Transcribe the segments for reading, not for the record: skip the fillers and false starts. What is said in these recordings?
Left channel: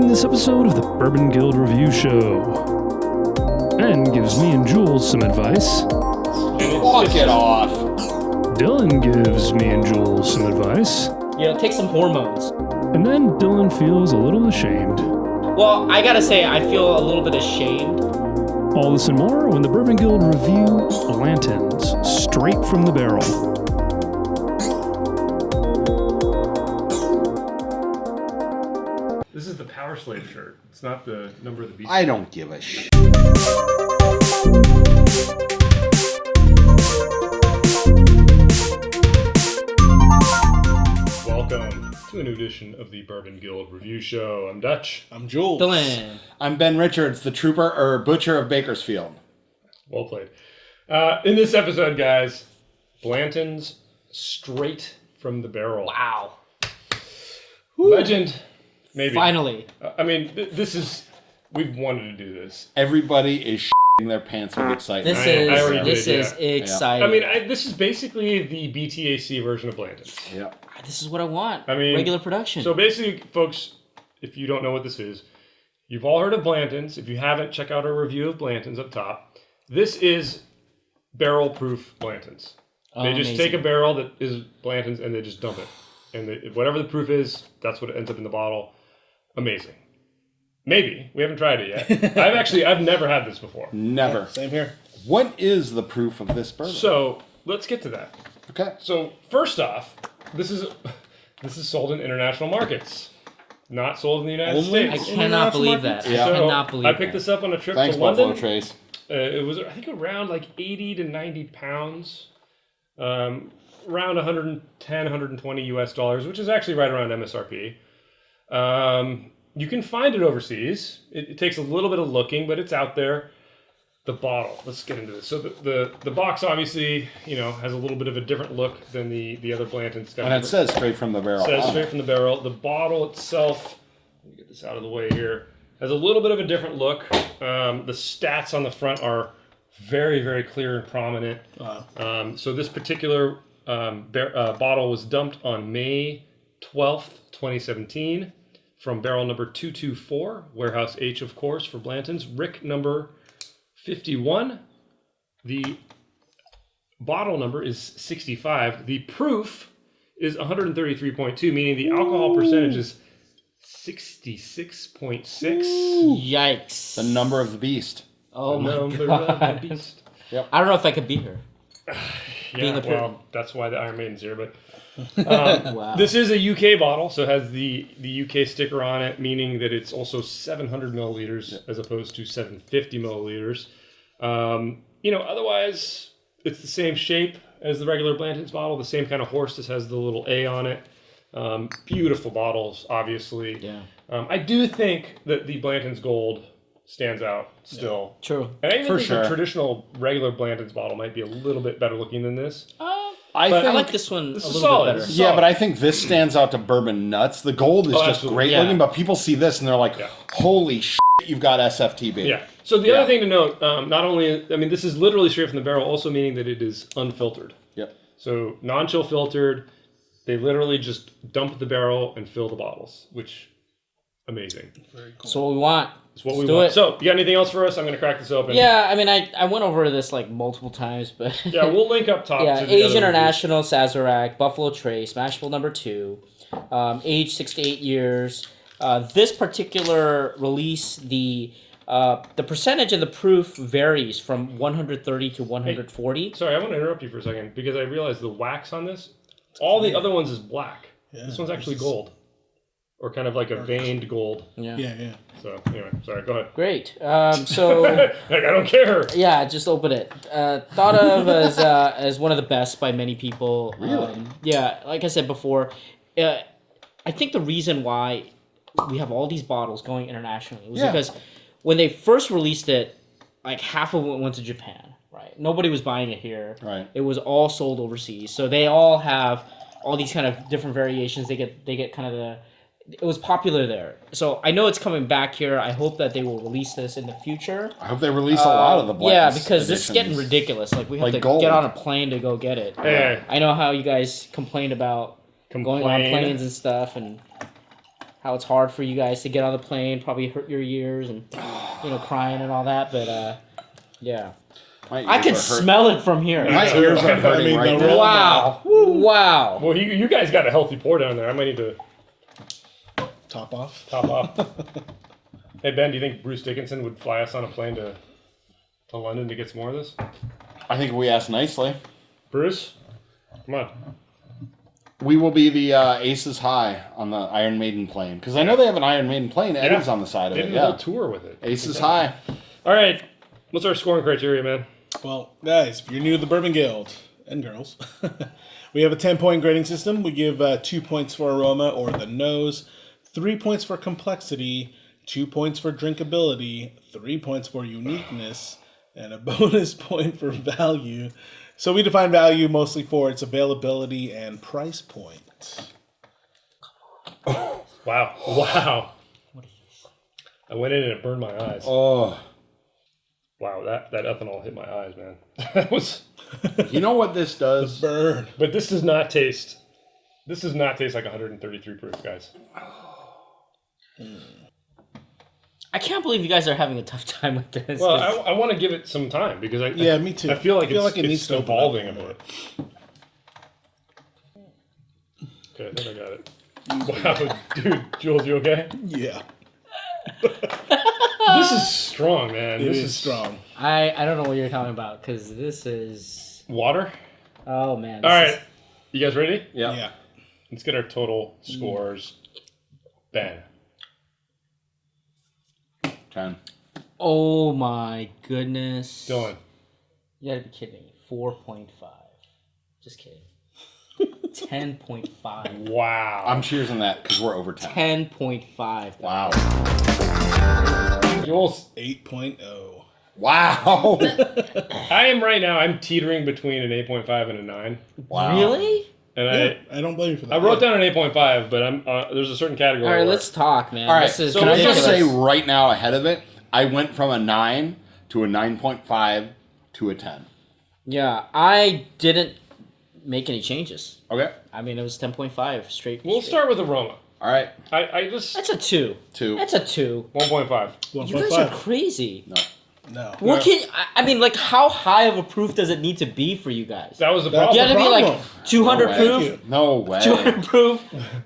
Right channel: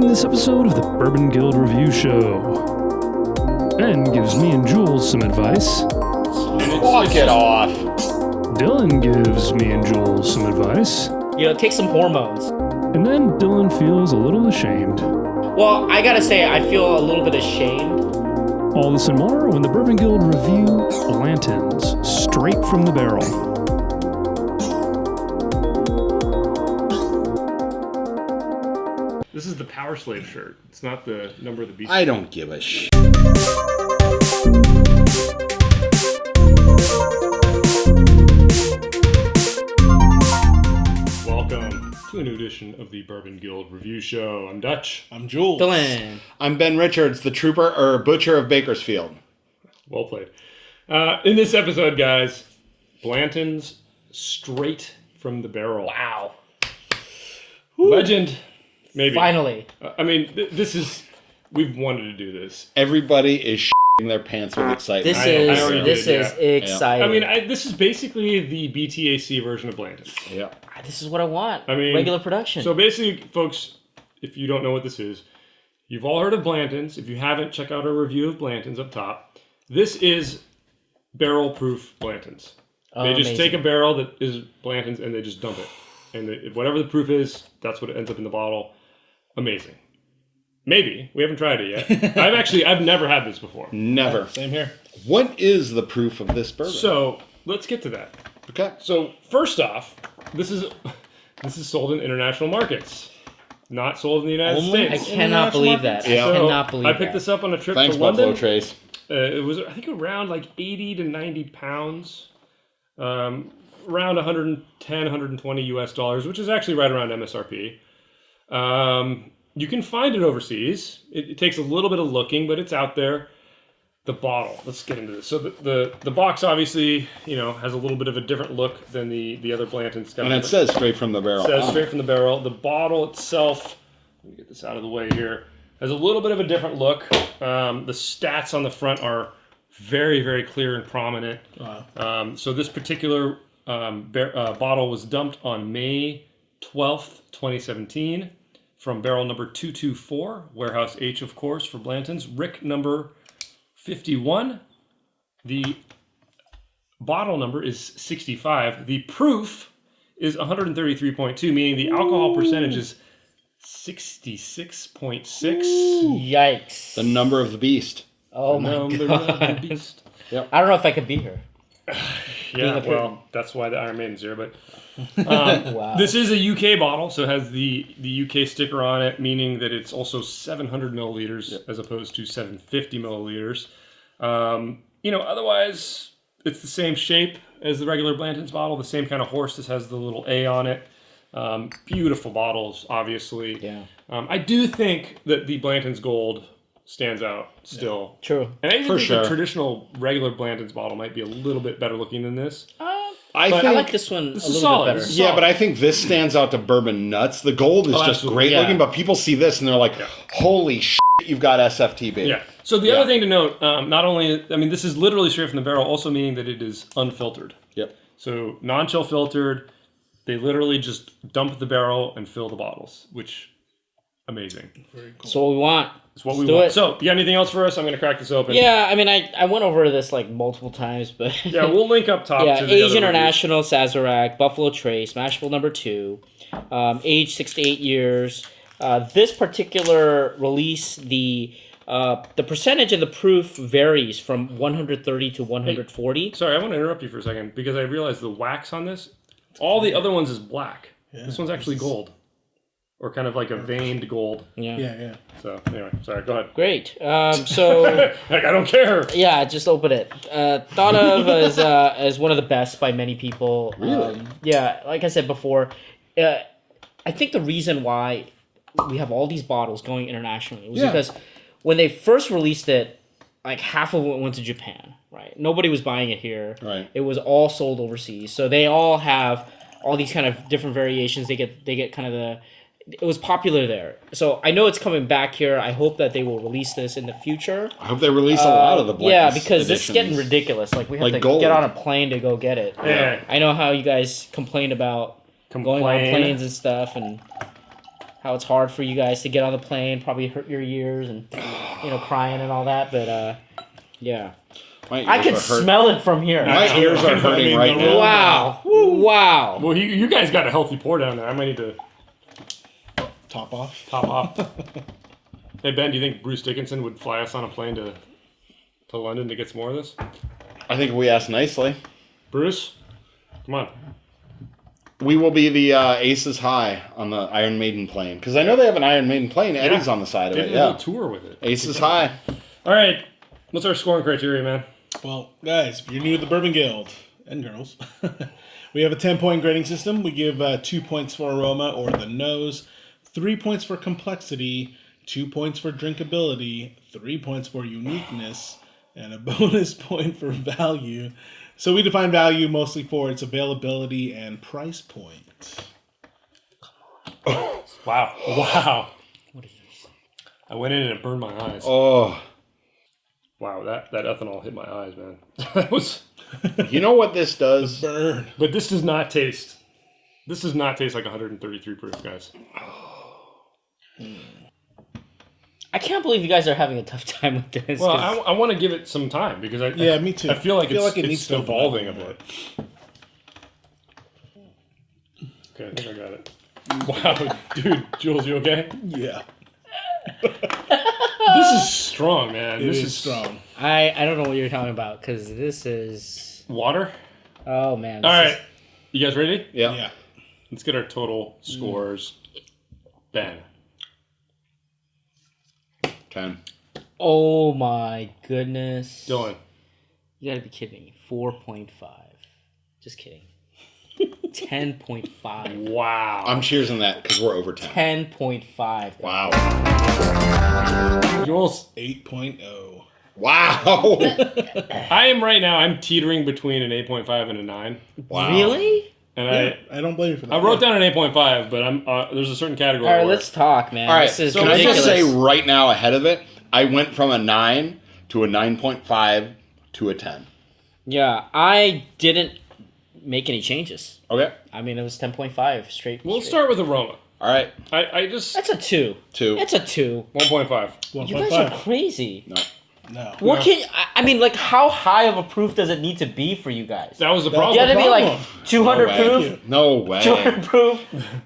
In this episode of the Bourbon Guild Review Show, Ben gives me and Jules some advice. Fuck it off. Dylan gives me and Jules some advice. Take some hormones. And then Dylan feels a little ashamed. Well, I gotta say, I feel a little bit ashamed. All this and more when the Bourbon Guild review Blanton's straight from the barrel. This is the Power Slave shirt. It's not the number of the beast. I don't give a shit. Welcome to a new edition of the Bourbon Guild Review Show. I'm Dutch. I'm Jules. Dylan. I'm Ben Richards, the butcher of Bakersfield. Well played. In this episode, guys, Blanton's straight from the barrel. Wow. Legend, maybe. Finally. This is... We've wanted to do this. Everybody is shitting their pants with excitement. This is exciting. This is basically the BTAC version of Blanton. Yeah. This is what I want. Regular production. So basically, folks, if you don't know what this is, you've all heard of Blanton's. If you haven't, check out our review of Blanton's up top. This is barrel-proof Blanton's. They just take a barrel that is Blanton's and they just dump it. And whatever the proof is, that's what ends up in the bottle. Amazing. Maybe. We haven't tried it yet. I've never had this before. Never. Same here. What is the proof of this bourbon? So, let's get to that. Okay. So, first off, this is sold in international markets. Not sold in the United I States. cannot believe that. Yeah. I cannot believe I that. picked this up on a trip Thanks, to London. Buffalo Trace. It was, I think, around like 80 to 90 pounds. Around 110, 120 US dollars, which is actually right around MSRP. You can find it overseas. It takes a little bit of looking, but it's out there. The bottle. Let's get into this. So the box obviously, has a little bit of a different look than the other Blanton's. And it says straight from the barrel. It says straight from the barrel. The bottle itself, let me get this out of the way here, has a little bit of a different look. The stats on the front are very, very clear and prominent. So this particular bottle was dumped on May 12th, 2017 from barrel number 224, Warehouse H, of course, for Blanton's. Rick number 51. The bottle number is 65. The proof is 133.2, meaning the alcohol percentage is 66.6. Yikes. The number of the beast. Oh my God. Yep. I don't know if I could beat her. Yeah, well, that's why the Iron Maiden's here, but Wow. this is a UK bottle, so it has the UK sticker on it, meaning that it's also 700 milliliters as opposed to 750 milliliters. Otherwise, it's the same shape as the regular Blanton's bottle, the same kind of horse. This has the little A on it. Beautiful bottles, obviously. Yeah. I do think that the Blanton's Gold stands out still. Yeah. True. And I even think sure. the traditional regular Blanton's bottle might be a little bit better looking than this. I think like this one a little solid. bit better. Yeah, but I think this stands out to bourbon nuts. The gold is just absolutely. great looking, but people see this and they're like, holy shit, you've got SFTB. Yeah. So the other thing to note, not only, this is literally straight from the barrel, also meaning that it is unfiltered. Yep. So non-chill filtered, they literally just dump the barrel and fill the bottles, which, amazing. Very cool. So what we want. That's what Let's we do want. it. So, you got anything else for us? I'm going to crack this open. Yeah, I went over this like multiple times, but Yeah, we'll link up top. yeah, to the Age other International, Sazerac, Buffalo Trace, Mashable number 2, age 6 to 8 years. This particular release, the percentage and the proof varies from 130 to 140. Sorry, I want to interrupt you for a second because I realized the wax on this, all the other ones is black. Yeah, this one's actually gold. Or kind of like a veined gold. Yeah. So, anyway, sorry, go ahead. Great. So I don't care. yeah, just open it. Thought of as one of the best by many people. Really? Yeah, like I said before, I think the reason why we have all these bottles going internationally was because when they first released it, like half of it went to Japan, right? Nobody was buying it here. Right. It was all sold overseas. So they all have all these kind of different variations. They get kind of it was popular there. So I know it's coming back here. I hope that they will release this in the future. I hope they release a lot of the Blacks. Yeah, because this is getting ridiculous. Like we have to gold. get on a plane to go get it. Hey. I know how you guys complain about going on planes and stuff, and how it's hard for you guys to get on the plane, probably hurt your ears and crying and all that. But yeah, I can smell it from here. My ears are hurting right now. Wow! Wow! Well, you guys got a healthy pour down there. I might need to Top off. Hey Ben, do you think Bruce Dickinson would fly us on a plane to London to get some more of this? I think if we ask nicely. Bruce, come on. We will be the Aces High on the Iron Maiden plane. Because I know they have an Iron Maiden plane. Eddie's on the side of They it, did a yeah. whole tour with it. Aces High. All right. What's our scoring criteria, man? Well, guys, if you're new to the Bourbon Guild, and girls, we have a 10-point grading system. We give 2 points for aroma or the nose, 3 points for complexity, 2 points for drinkability, 3 points for uniqueness, and a bonus point for value. So we define value mostly for its availability and price point. Wow. Wow. I went in and it burned my eyes. Oh. Wow, that ethanol hit my eyes, man. That was. You know what this does? Burn. But this does not taste. This does not taste like 133 proof, guys. I can't believe you guys are having a tough time with this. Well, I want to give it some time because me too. I feel like it needs to evolving a open up bit. Okay, I think I got it. Wow, dude, Jules, you okay? Yeah, This is strong, man. it This is strong. I don't know what you're talking about because this is. Water. Oh man. All right, you guys ready? Yeah. Yeah. Let's get our total scores. Ben. 10. Oh my goodness. Dylan. You gotta be kidding me. 4.5. Just kidding. 10.5. Wow. I'm cheersing that because we're over 10. 10.5. Wow. Jules. 8.0. Wow. I am right now. I'm teetering between an 8.5 and a 9. Wow. Really? And I don't blame you for that. I wrote down an 8.5, but I'm there's a certain category. All right, where- let's talk, man. All right, This is can I ridiculous. just say right now ahead of it, I went from a 9 to a 9.5 to a 10. Yeah, I didn't make any changes. Okay. I mean, it was 10.5 straight. We'll straight. start with aroma. All right. I just That's a 2. 2. That's a 2. 1.5. You guys are 1.5. crazy. No. What can I mean? Like, how high of a proof does it need to be for you guys? That was the That's You problem. gotta be like problem. 200 No way. proof, No way. 200 proof,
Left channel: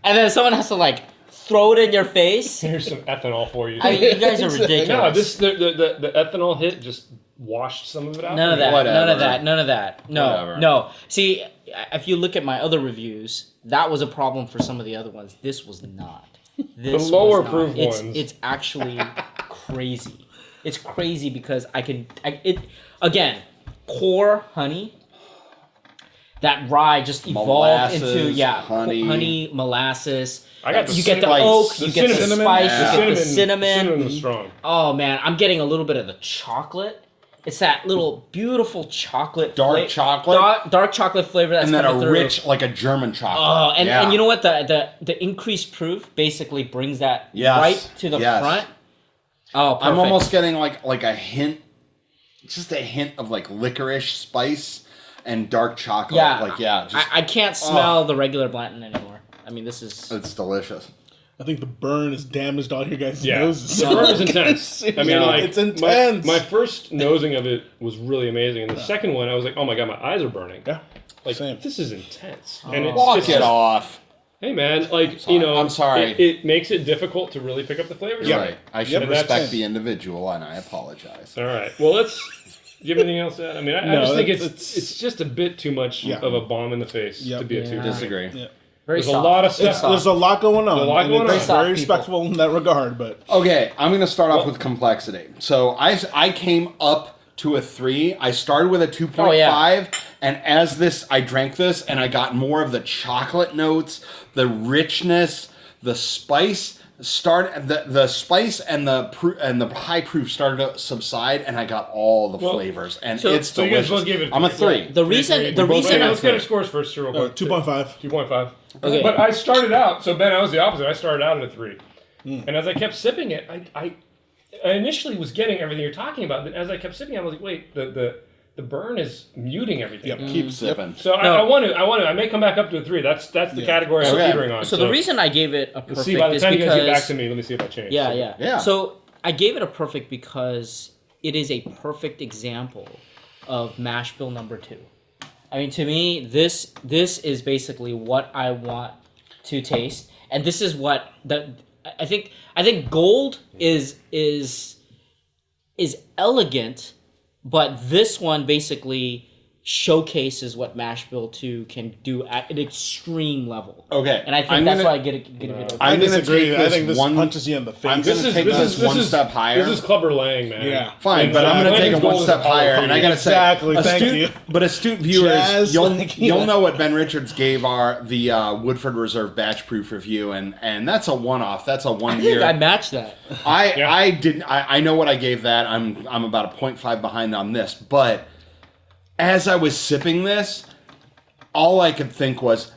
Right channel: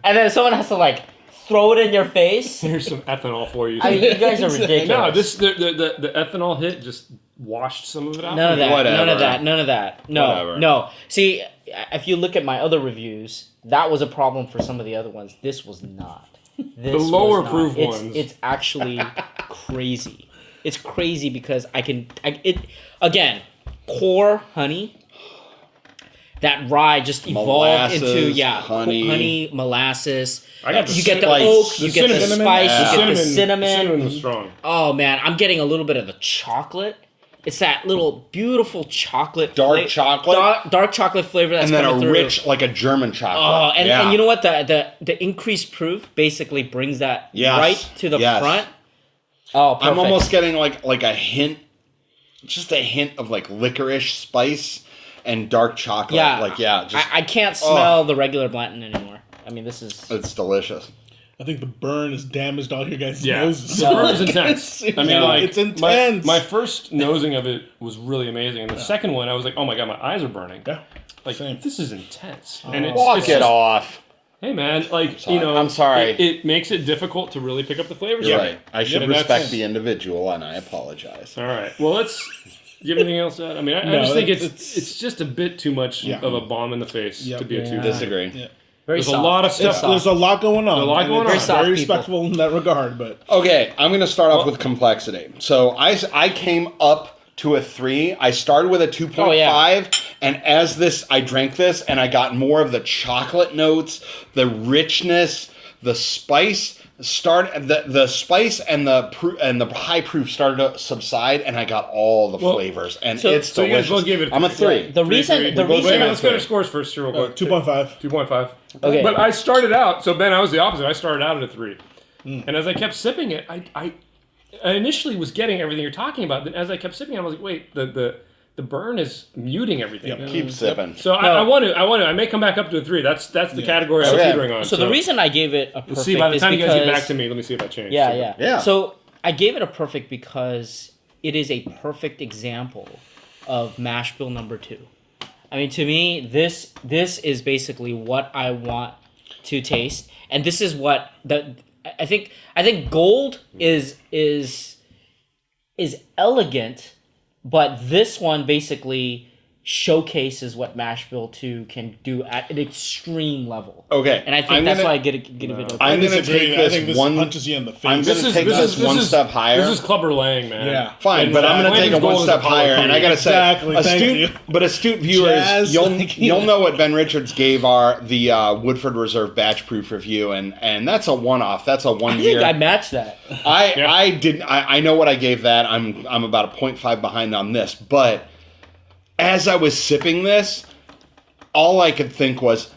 and then someone has to like throw it in your face. Here's some ethanol for you. I mean, you guys are ridiculous. No, the ethanol hit just washed some of it out. None of that. Whatever. None of that. None of that. No. Whatever. No. See, if you look at my other reviews, that was a problem for some of the other ones. This was not. This lower was not. proof It's, ones. It's actually crazy. It's crazy because again, core honey. That rye just evolved Molasses, into honey. molasses. I got You get the like, oak, you get the cinnamon. spice, Yeah. you get the cinnamon. Cinnamon was strong. Oh man, I'm getting a little bit of the chocolate. It's that little beautiful chocolate, Dark chocolate? dark chocolate flavor that's And then coming a through. rich, like a German chocolate. Oh, and, yeah. and you know what? The increased proof basically brings that Yes. right to the Yes. front. Oh, perfect. I'm almost getting like a hint, just a hint of like licorice spice and dark chocolate. Yeah, just I can't smell the regular Blanton anymore. I mean, this is. it's delicious. I think the burn has damaged all your guys' Yeah. noses. The burn is intense. I mean, No. like, It's intense. My first nosing of it was really amazing, and the second one, I was like, oh my god, my eyes are burning. Yeah. Like, Same. this is intense. And it's Walk it's it just- off. Hey man, like sorry. you know, I'm sorry. It makes it difficult to really pick up the flavors. You're right. I should And that's- respect the individual, and I apologize. All right. Well, let's. Do you have anything else to add? I mean, I No, just think it's- it's just a bit too much Yeah. of a bomb in the face Yeah. to be a 2. Disagree. Yeah. Very There's soft. a lot of stuff. There's a lot going on. A lot and going it's on. very Very soft respectful in that regard, but Okay, I'm going to start off with complexity. So I came up to a 3. I started with a 2.5, and as I drank this, and I got more of the chocolate notes, the richness, the spice. The spice and the high proof started to subside, and I got all the flavors, and it's so you guys delicious. both gave it I'm a three. 3. The reason. Let's get our scores first, real quick. 2.5. 2.5. Okay. But I started out. So Ben, I was the opposite. I started out at a 3, and as I kept sipping it, I initially was getting everything you're talking about. Then as I kept sipping, I was like, wait, the the burn is muting everything. Yep. Keep sipping. So I want to. I may come back up to a 3. That's the category I'm teetering on. So the reason I gave it a perfect see, by the is time because... you guys get back to me, let me see if that changed. Yeah. So I gave it a perfect because it is a perfect example of mash bill number 2. I mean, to me, this is basically what I want to taste, and this is what I think gold is elegant, but this one basically showcases what mash bill 2 can do at an extreme level. Okay. And I think that's why I get it. I'm going to take I think this one punches you in the face. I'm going to take this one step higher. This is Clubber Lang, man. Yeah. Fine, but I'm going to take it one step higher, and I got to say, thank you. But astute viewers, you'll know what Ben Richards gave the Woodford Reserve batch proof review, and that's a one-off. That's a 1 year. I matched that. I know what I gave that. I'm about a 0.5 behind on this, but as I was sipping this, all I could think was,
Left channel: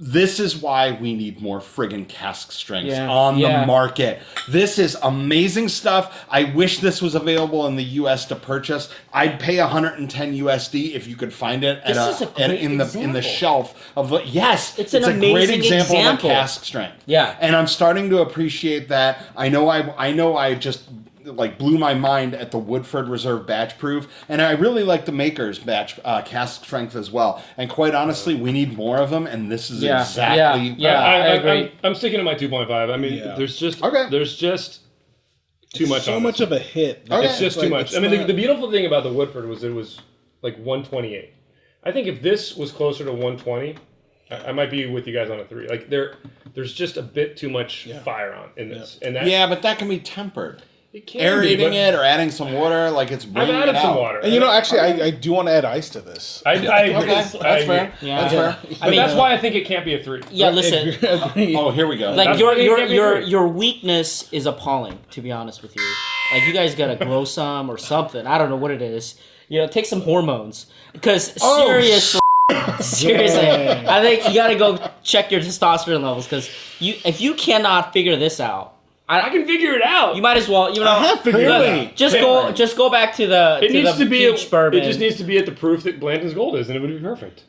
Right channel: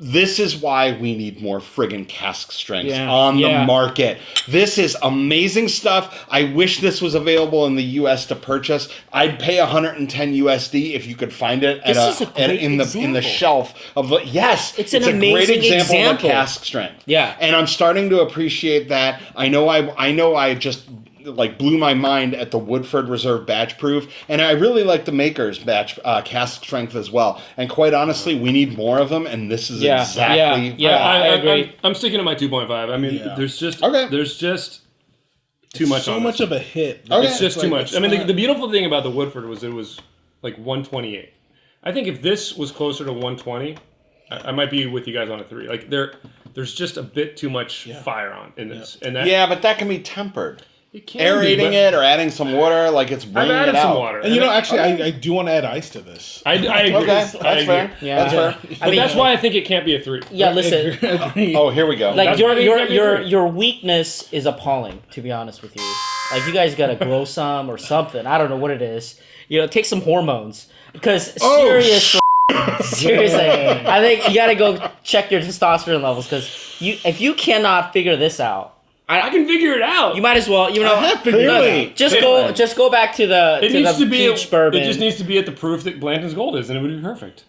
this is why we need more friggin' cask strengths on the market. This is amazing stuff. I wish this was available in the U.S. to purchase. I'd pay $110 USD if you could find it in the shelf of the. Yes, it's a great example of a cask strength. Yeah, and I'm starting to appreciate that. I know I just blew my mind at the Woodford Reserve batch proof, and I really like the Maker's batch cask strength as well. And quite honestly, we need more of them, and this is exactly. I agree. I'm sticking to my 2.5. I mean, there's just too much. So much of a hit. It's just too much. I mean, the beautiful thing about the Woodford was it was like 128. I think if this was closer to 120, I might be with you guys on a 3. Like there's just a bit too much fire on in this, and that, but that can be tempered. Aerating it or adding some water, like it's bringing I've added it out. some water. And actually, I do want to add ice to this. I agree. Okay, that's fair. Yeah. That's fair. But that's why I think it can't be a 3. Yeah, listen. Oh, here we go. Like your weakness is appalling, to be honest with you. Like you guys gotta grow some or something. I don't know what it is. Take some hormones. Because seriously, I think you gotta go check your testosterone levels. Because if you cannot figure this out, I can figure it out. You might as well. I have figured it out. Just go back to the peach bourbon. It just needs to be at the proof that Blanton's Gold is, and it would be perfect.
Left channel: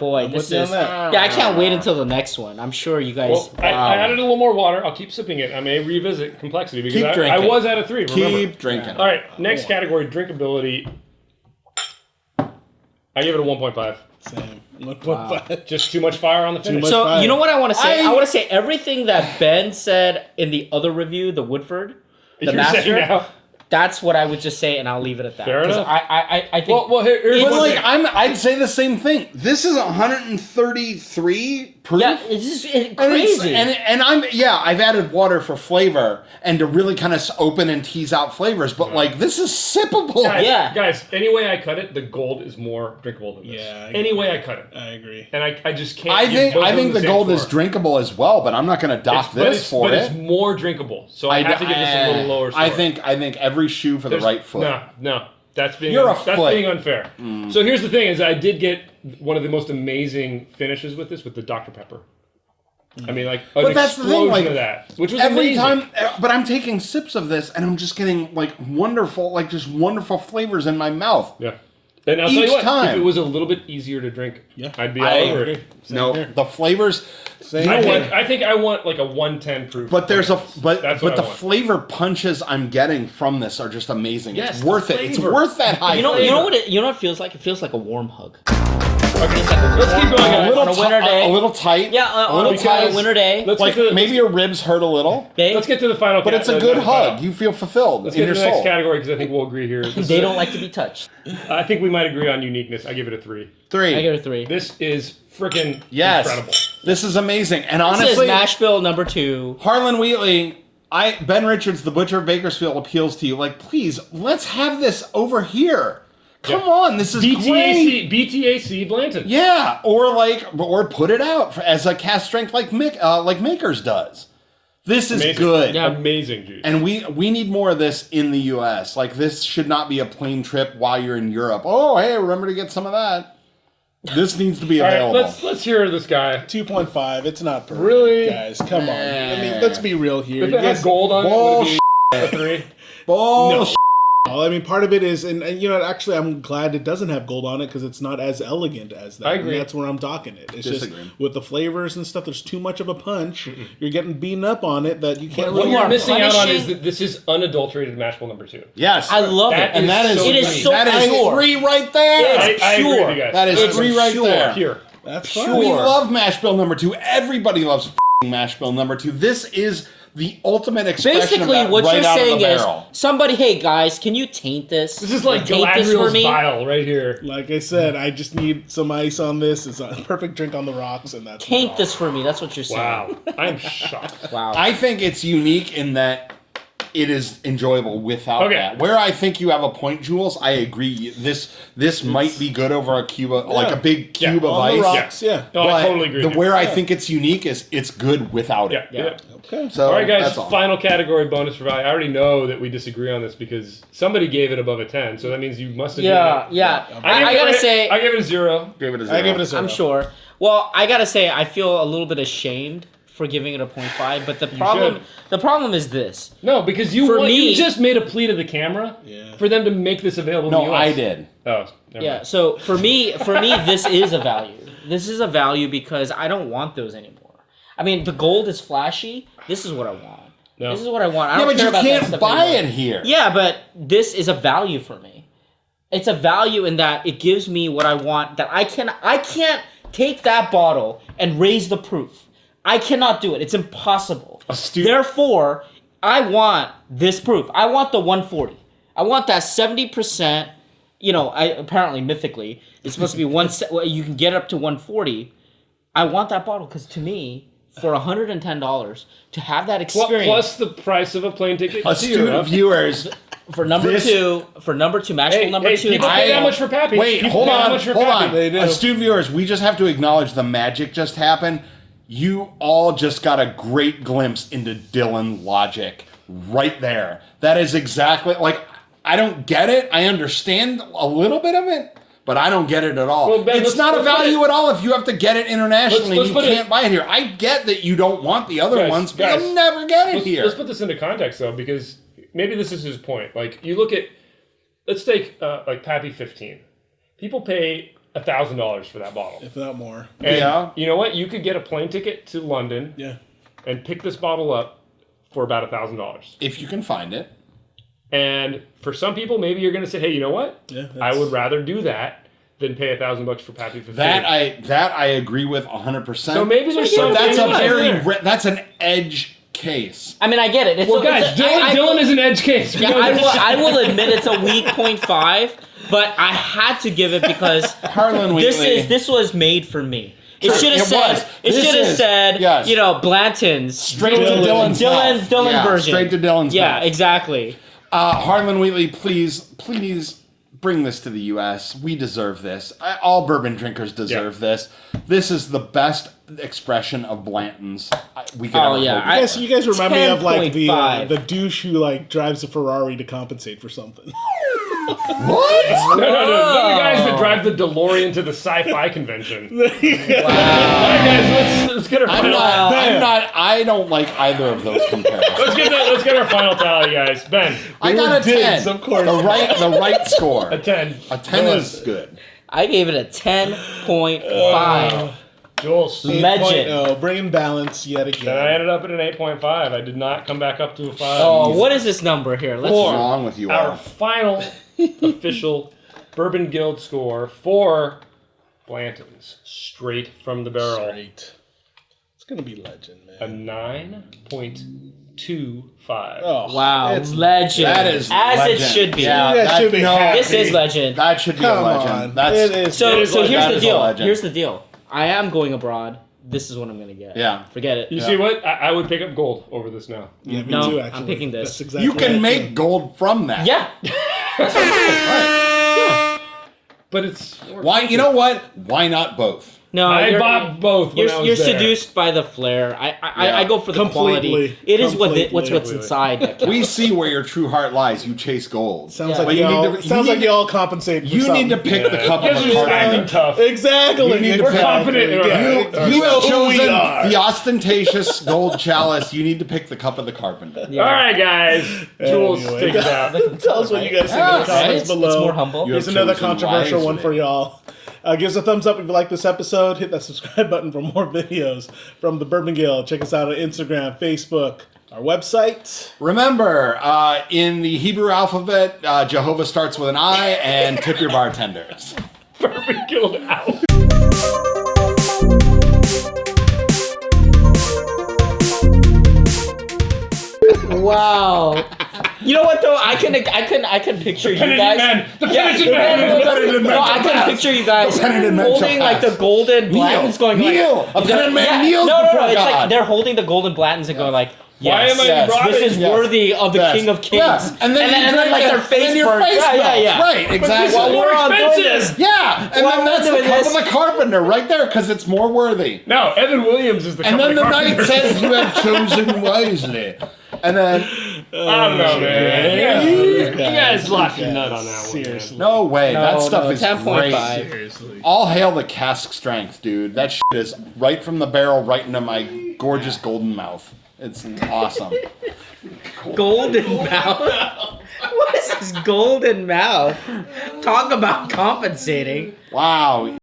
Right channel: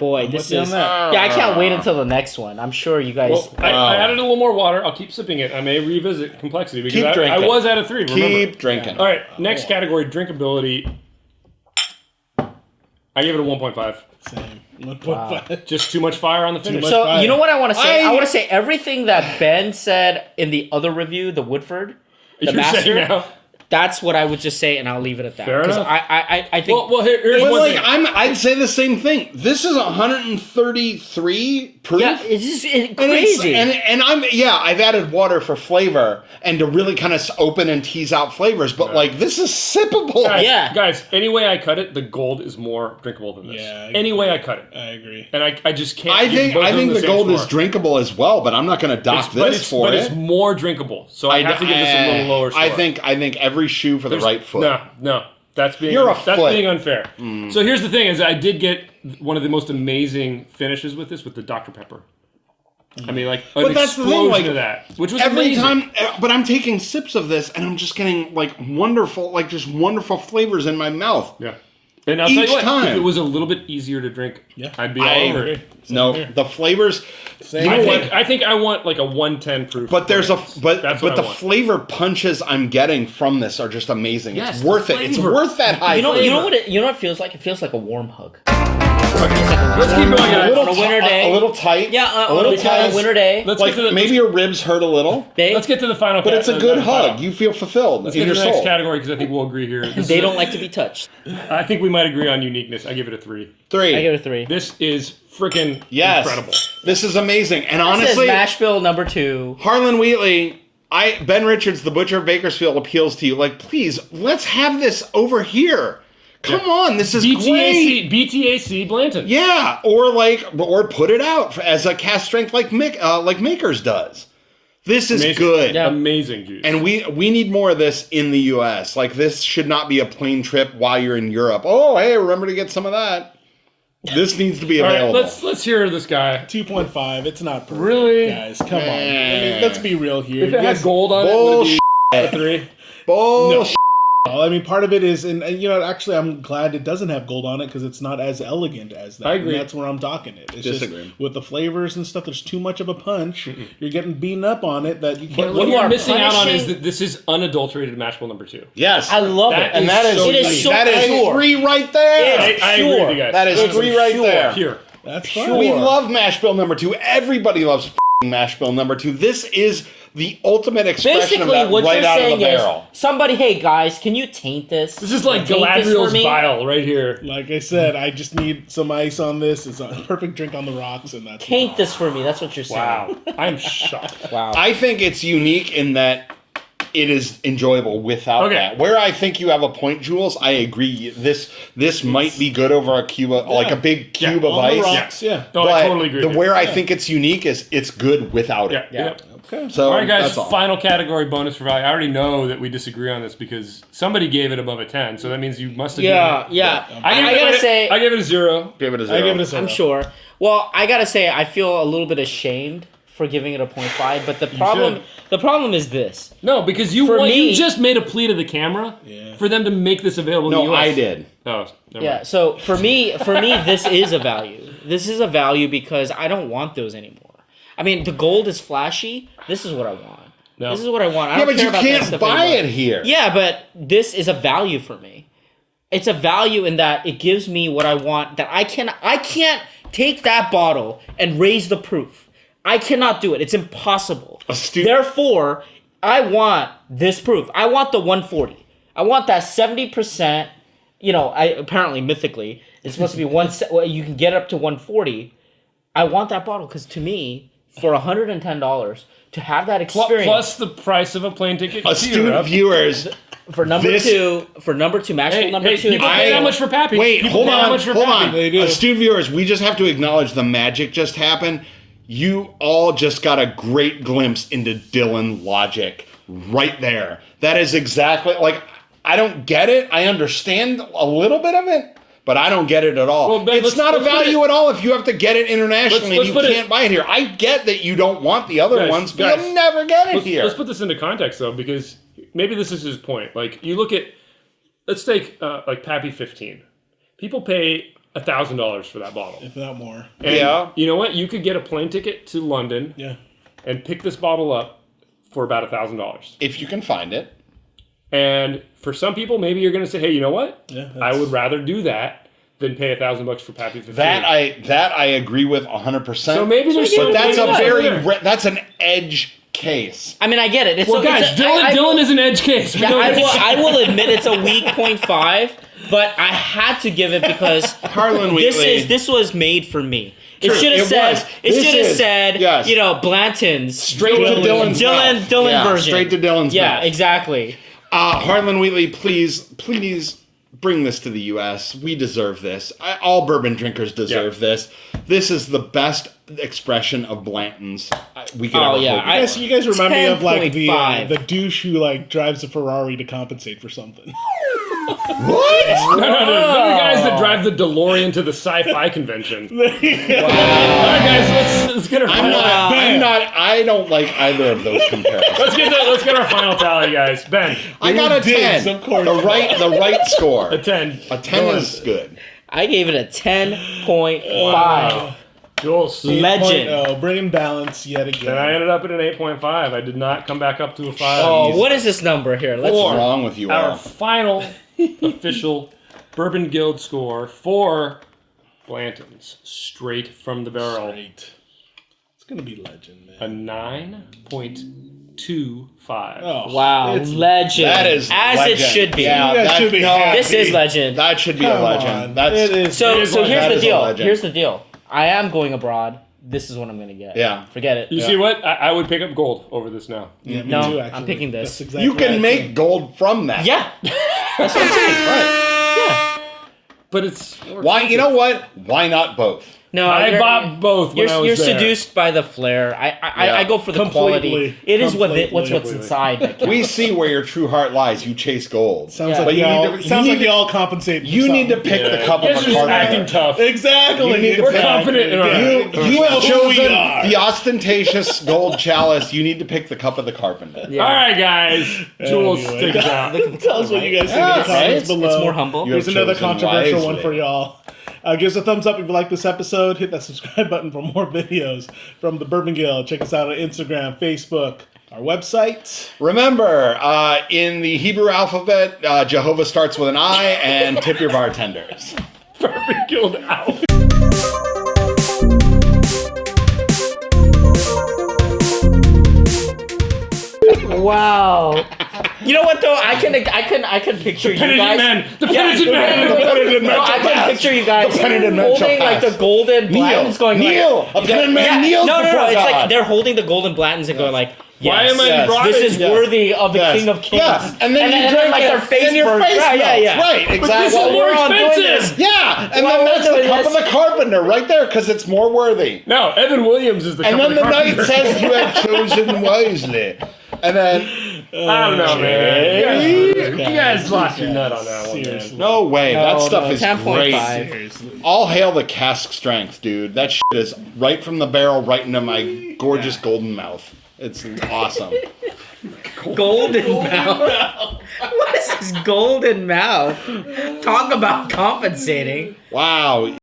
Boy, this is. that. I can't wait until the next one. I'm sure you guys. Well, I added a little more water. I'll keep sipping it. I may revisit complexity because Keep drinking. I was at a 3. Keep drinking. All right, next category, drinkability. I give it a 1.5. Same. 1.5. Just too much fire on the finish. much So fire. you know what I want to say? I want to say everything that Ben said in the other review, the Woodford, the You're Master. saying now? That's what I would just say, and I'll leave it at that. Fair enough. I think. Well, here's But one thing. I'd say the same thing. This is 133 proof. Yeah, it's just crazy. I've added water for flavor and to really kind of open and tease out flavors. But this is sippable. Guys, any way I cut it, the gold is more drinkable than this. Yeah, any way I cut it. I agree. And I just can't. I think the gold is drinkable as well, but I'm not going to dock this for it. But it's more drinkable, so I have to give this a little lower score. I think every shoe for the right foot. No, that's being being unfair. So here's the thing: is I did get one of the most amazing finishes with this with the Dr. Pepper. I mean, like an explosion of that, which was every amazing. time. But I'm taking sips of this, and I'm just getting wonderful flavors in my mouth. Yeah. And I'll tell you what, if it was a little bit easier to drink, I'd be all over it. No, the flavors. I think I want like a 110 proof. But the flavor punches I'm getting from this are just amazing. Yes, it's worth it. It's worth that high. You know what it feels like? It feels like a warm hug. Let's keep going. On a winter day. A little tight. Yeah, a little tight. On a winter day. Maybe your ribs hurt a little. Let's get to the final. But it's a good hug. You feel fulfilled in your soul. Let's get to the next category because I think we'll agree here. They don't like to be touched. I think we might agree on uniqueness. I give it a 3. I give it a 3. This is freaking incredible. This is amazing. And this honestly, is mash bill number 2. Harlan Wheatley, Ben Richards, the Butcher of Bakersfield, appeals to you. Please, let's have this over here. Come on, this is great. BTAC Blanton. Yeah, or put it out as a cast strength like Makers does. This is good. Yeah. Amazing juice. And we need more of this in the U.S. This should not be a plane trip while you're in Europe. Oh, hey, remember to get some of that. This needs to be available. All right, let's hear this guy. 2.5. It's not perfect, really, guys. Come on. Let's be real here. If it had gold on Bullshit. it, would it be a 3? Bullshit. I mean, part of it is, and actually, I'm glad it doesn't have gold on it because it's not as elegant as that. I agree. And that's where I'm docking it. It's Disagree. just with the flavors and stuff. There's too much of a punch. You're getting beaten up on it that you can't. What really you're are missing out on punishing- is that this is unadulterated mash bill number 2. Yes. I love That it. And that is so It is clean. so that is pure. 3 right there. It's I agree pure. with you guys. That is It's 3 right pure. there. Pure. That's Pure. fine. We love mash bill number 2. Everybody loves mash bill number 2. This is the ultimate expression Basically, of that what right you're out saying of the is, barrel. somebody, hey guys, can you taint this? This is like taint this for Galadriel's me. vial right here. Like I said, I just need some ice on this. It's a perfect drink on the rocks, and that's Taint this for me. That's what you're saying. Wow. I'm shocked. Wow. I think it's unique in that it is enjoyable without Okay. that. Where I think you have a point, Jules, I agree. This might be good over a cube, like a big cube of on the ice. rocks. Yeah. No, I totally agree. with you. Where I think it's unique is it's good without it. Yeah. Okay. So All right, guys. that's all. Final category bonus for value. I already know that we disagree on this because somebody gave it above a 10, so that means you must have. yeah. I gotta say, I give it a 0. Give it a 0. I give it a 0. I'm sure. Well, I gotta say, I feel a little bit ashamed for giving it a 0.5, but the problem is this. No, because For me- you just made a plea to the camera for them to make this available. No, in the US. I did. Oh, never Yeah, mind. so for me, this is a value. This is a value because I don't want those anymore. I mean, the gold is flashy. This is what I want. No. This is what I want. I Yeah, don't but care you about that can't stuff buy anymore. it here. Yeah, but this is a value for me. It's a value in that it gives me what I want. That I can't take that bottle and raise the proof. I cannot do it. It's impossible. Therefore, I want this proof. I want the 140. I want that 70%. Apparently mythically it's supposed to be you can get up to 140. I want that bottle because to me, for $110 to have that experience Plus the price of a plane ticket. Astute viewers. for number two, mash bill number 2. People pay that much for Pappy. Wait, People hold pay that on, much for hold Pappy. on. They do. Astute viewers, we just have to acknowledge the magic just happened. You all just got a great glimpse into Dylan logic right there. That is exactly, I don't get it. I understand a little bit of it, but I don't get it at all. Well, Ben, it's let's not a put it- value at all if you have to get it internationally Let's and put you it- can't buy it here. I get that you don't want the other Guys, ones, but guys, you'll never get it here. Let's put this into context though, because maybe this is his point. Like you look at, let's take Pappy 15. People pay $1,000 for that bottle. If not more. And Yeah. you know what? You could get a plane ticket to London Yeah. and pick this bottle up for about $1,000. If you can find it. And for some people, maybe you're going to say, hey, you know what? Yeah. I would rather do that than pay $1,000 for Pappy 15. That I agree with 100%. So maybe there's but some- that's a maybe very there. that's an edge case. I mean, I get it. Well, guys, Dylan is an edge case. Yeah, I will admit it's a weak 0.5, but I had to give it because Harlan Wheatley. this was made for me. It True, should have it said was. it This should have is- said yes. Blanton's Straight to Dylan. Dylan's mouth. Dylan Yeah, version. Straight to Dylan's Yeah, mouth. exactly. Harlan Wheatley, please bring this to the U.S. We deserve this. All bourbon drinkers deserve this. This is the best expression of Blanton's we could Oh, ever yeah. hope for. You guys remind me of like 10.5. the douche who drives a Ferrari to compensate for something. What? No, the guys that drive the DeLorean to the sci-fi convention. Let's get our final. I don't like either of those comparisons. Let's get our final tally, guys. Ben, I got a Digs, 10. of course. The right score. a 10. A 10 is good. I gave it a 10.5. Jules. Legend. 8.0, bringing balance yet again. And I ended up at an 8.5. I did not come back up to a 5. Oh, what is this number here? Let's. What's wrong with you Our all? final official Bourbon Guild score for Blanton's, straight from the barrel. Great. It's gonna be legend, A man. 9.25. Oh Wow, it's legend. That is as legend. it should be. Yeah, You guys that- should be no, happy. This is legend. That should be Come a legend. on. That's It is. So That here's is the a deal. legend. Here's the deal. I am going abroad. This is what I'm gonna get. Yeah. Forget it. You see what? I would pick up gold over this now. Yeah, me No, too, I'm actually. picking this. That's exactly You what I can make think. gold from that. Yeah. Right. But it's... Why? You know what? Why not both? No, I bought both when I was You're there. seduced by the flair. I go for the Completely. quality. It is what's Completely. inside. that counts. We see where your true heart lies. You chase gold. Sounds Yeah. like But y'all compensate. For You something. need to pick the cup of This the is acting carbon. tough. Exactly. You need to We're pick- confident in our Yeah. You have Who we chosen are. the ostentatious gold chalice. You need to pick the cup of the carpenter. Yeah. All right, guys. Jules, Anyway, take us out. Tell us what you guys think in the comments below. It's more humble. You Here's have another chosen controversial one wisely. for y'all. Give us a thumbs up if you like this episode. Hit that subscribe button for more videos from the Bourbon Guild. Check us out on Instagram, Facebook, our website. Remember, in the Hebrew alphabet, Jehovah starts with an I, and tip your bartenders. Bourbon Guild out. Wow. You know what though? I can picture you Penitent guys. man. The Yeah, penitent man. Penitent man No, I shall can pass. picture you guys The penitent man shall holding like pass. the golden Blantons going kneel. A penitent man kneels no, before it's God. like they're holding the golden Blantons and going like, Why yes, am I Yes, brought this in? is Yes. worthy of the Yes. King of Kings. Yeah. And then you then drink like it, their and face then your burns. face Yeah. melts. Right, exactly. Well, we're on doing expensive. this. Yeah, and Well, then that's we're the doing cup this. of the carpenter right there, because it's more worthy. No, Evan Williams is the And cup then of the knight carpenter. says you have chosen wisely. And then, I don't know, man. You guys lost your nut on that one. man. Seriously. no way, that stuff no, is 10.5. great. Seriously. All hail the cask strength, dude. That shit is right from the barrel, right into my gorgeous golden mouth. It's awesome. Golden mouth. What is this golden mouth? Talk about compensating. Wow.